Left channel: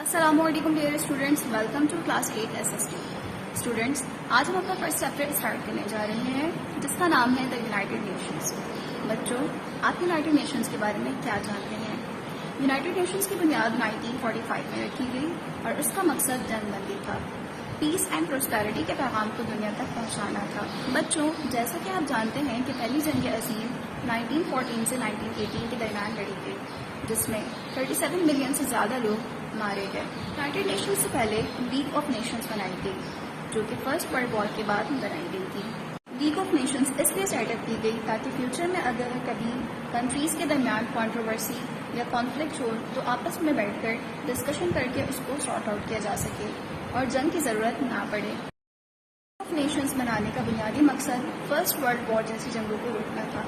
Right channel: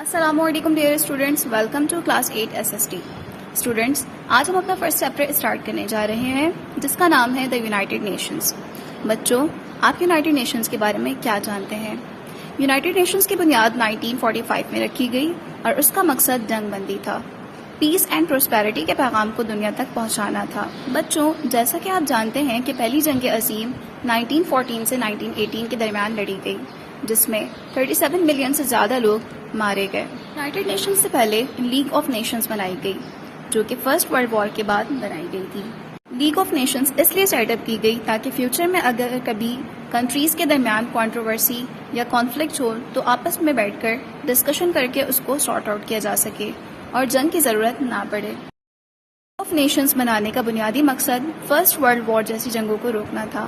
السلام علیکم dear students, welcome to class 8 SST۔ Students, آج ہم اپنا فرسٹ چیپٹر اسٹارٹ کرنے جا رہے ہیں جس کا نام ہے دا یونائٹڈ نیشنز۔ بچوں، آپ یونائٹڈ نیشنز کے بارے میں کیا جانتے ہیں؟ یونائٹڈ نیشنز کی بنیاد 1945 میں رکھی گئی اور اس کا مقصد جنگ بندی تھا، پیس اینڈ پراسپیرٹی کے پیغام کو دنیا تک پہنچانا تھا۔ بچوں، جیسا کہ آپ جانتے ہیں کہ پہلی جنگ عظیم 1914 سے 1918 کے درمیان لڑی گئی، جس میں 37 ملین سے زیادہ لوگ مارے گئے۔ یونائٹڈ نیشنز سے پہلے لیگ آف نیشنز بنائی گئی، جو کہ فرسٹ ورلڈ وار کے بعد بنائی گئی تھی۔ لیگ آف نیشنز اس لیے سیٹ اپ کی گئی تاکہ فیوچر میں اگر کبھی کنٹریز کے درمیان کنٹروورسی یا کانفلکٹ ہو تو آپس میں بیٹھ کر ڈسکشن کر کے اس کو سارٹ آؤٹ کیا جا سکے اور جنگ کی ضرورت نہ پڑے۔ لیگ آف نیشنز بنانے کا بنیادی مقصد فرسٹ ورلڈ وار جیسی جنگوں کو روکنا تھا۔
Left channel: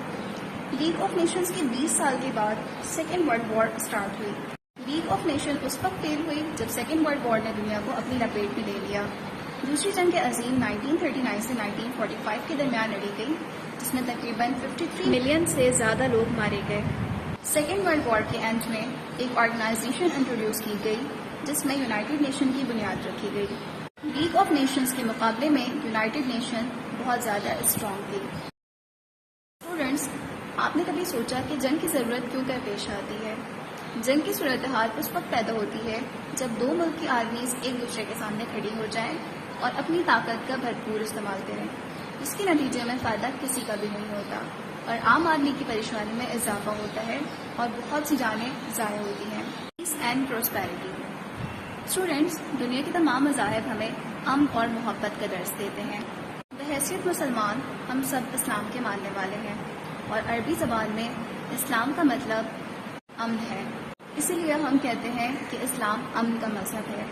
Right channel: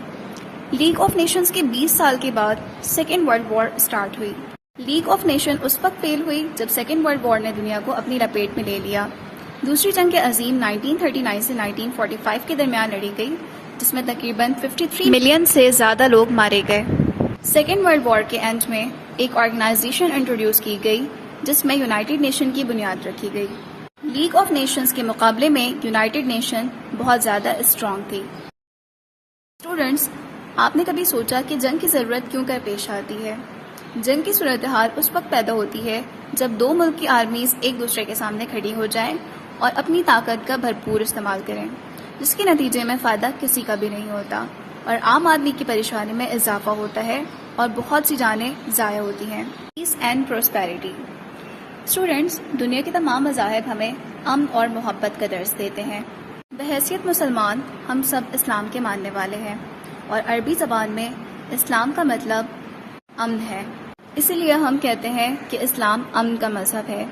لیگ آف نیشنز کے 20 سال کے بعد سیکنڈ ورلڈ وار اسٹارٹ ہوئی۔ لیگ آف نیشن اس وقت فیل ہوئی جب سیکنڈ ورلڈ وار نے دنیا کو اپنی لپیٹ میں لے لیا۔ دوسری جنگ عظیم 1939 سے 1945 کے درمیان لڑی گئی، جس میں تقریباً 53 ملین سے زیادہ لوگ مارے گئے۔ سیکنڈ ورلڈ وار کے اینڈ میں ایک آرگنائزیشن انٹروڈیوس کی گئی جس میں یونائٹڈ نیشن کی بنیاد رکھی گئی۔ لیگ آف نیشنز کے مقابلے میں یونائٹڈ نیشن بہت زیادہ اسٹرانگ تھی۔ اسٹوڈنٹس، آپ نے کبھی سوچا کہ جنگ کی ضرورت کیوں کر پیش آتی ہے؟ جنگ کی صورتحال اس وقت پیدا ہوتی ہے جب دو ملک کی آرمیز ایک دوسرے کے سامنے کھڑی ہو جائیں اور اپنی طاقت کا بھرپور استعمال کریں، جس کے نتیجے میں فائدہ کسی کا بھی نہیں ہوتا اور عام آدمی کی پریشانی میں اضافہ ہوتا ہے اور بہت سی جانیں ضائع ہوتی ہیں۔ پیس اینڈ پراسپیرٹی۔ اسٹوڈینٹس، دنیا کے تمام مذاہب ہمیں امن اور محبت کا درس دیتے ہیں۔ بحیثیت مسلمان ہم سب اسلام کے ماننے والے ہیں اور عربی زبان میں اسلام کا مطلب امن ہے، اسی لیے ہم کہتے ہیں کہ اسلام امن کا مذہب ہے۔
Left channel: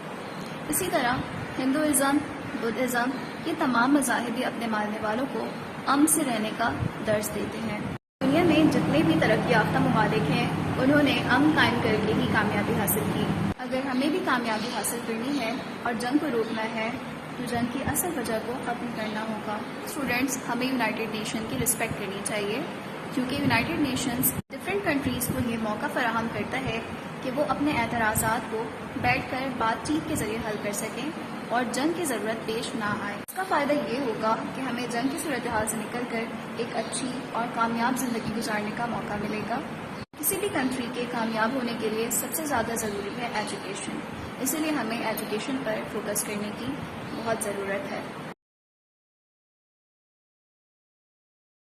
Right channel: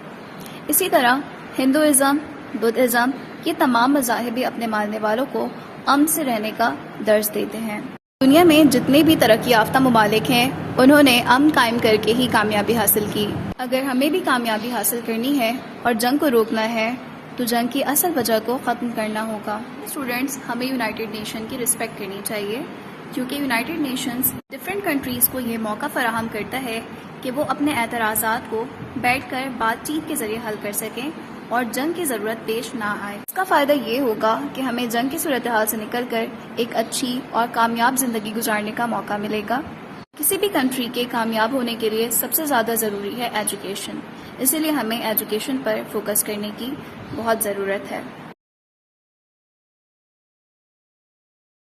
اسی طرح ہندوازم، بدھزم، یہ تمام مذاہب بھی اپنے ماننے والوں کو امن سے رہنے کا درس دیتے ہیں۔ دنیا میں جتنے بھی ترقی یافتہ ممالک ہیں، انہوں نے امن قائم کر کے ہی کامیابی حاصل کی۔ اگر ہمیں بھی کامیابی حاصل کرنی ہے اور جنگ کو روکنا ہے تو جنگ کی اصل وجہ کو ختم کرنا ہوگا۔ اسٹوڈینٹس، ہمیں یونائٹڈ نیشن کی رسپیکٹ کرنی چاہیے، کیونکہ یونائٹڈ نیشنز ڈفرینٹ کنٹریز کو یہ موقع فراہم کرتا ہے کہ وہ اپنے اعتراضات کو بیٹھ کر بات چیت کے ذریعے حل کر سکیں اور جنگ کی ضرورت پیش نہ آئے۔ اس کا فائدہ یہ ہوگا کہ ہمیں جنگ کی صورتحال سے نکل کر ایک اچھی اور کامیاب زندگی گزارنے کا موقع ملے گا۔ کسی بھی کنٹری کے کامیاب ہونے کے لیے سب سے زیادہ ضروری ہے ایجوکیشن، اسی لیے ہمیں ایجوکیشن پر فوکس کرنے کی بہت ضرورت ہے۔